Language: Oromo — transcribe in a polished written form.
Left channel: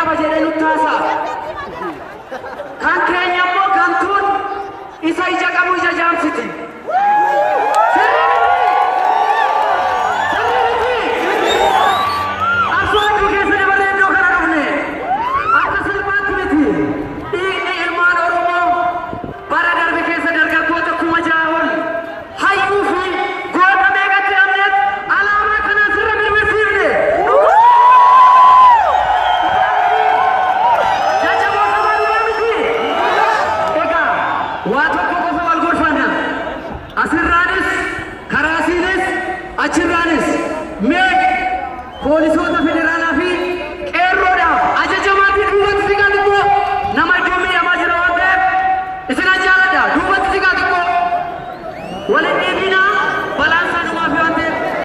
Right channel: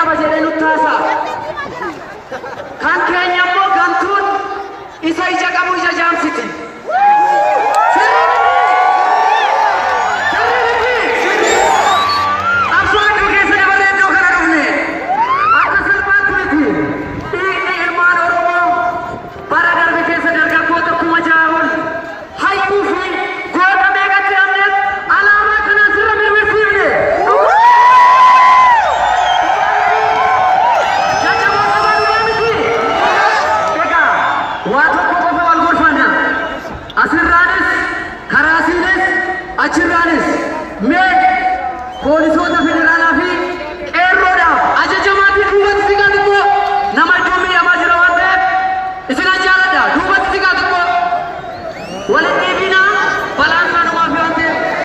qaba jedhee nutti haasa'a. Kan keenya immoo gantuun isa ija qabu ija jaamsiti. Achirraanis mee poolisoota federaalaa fi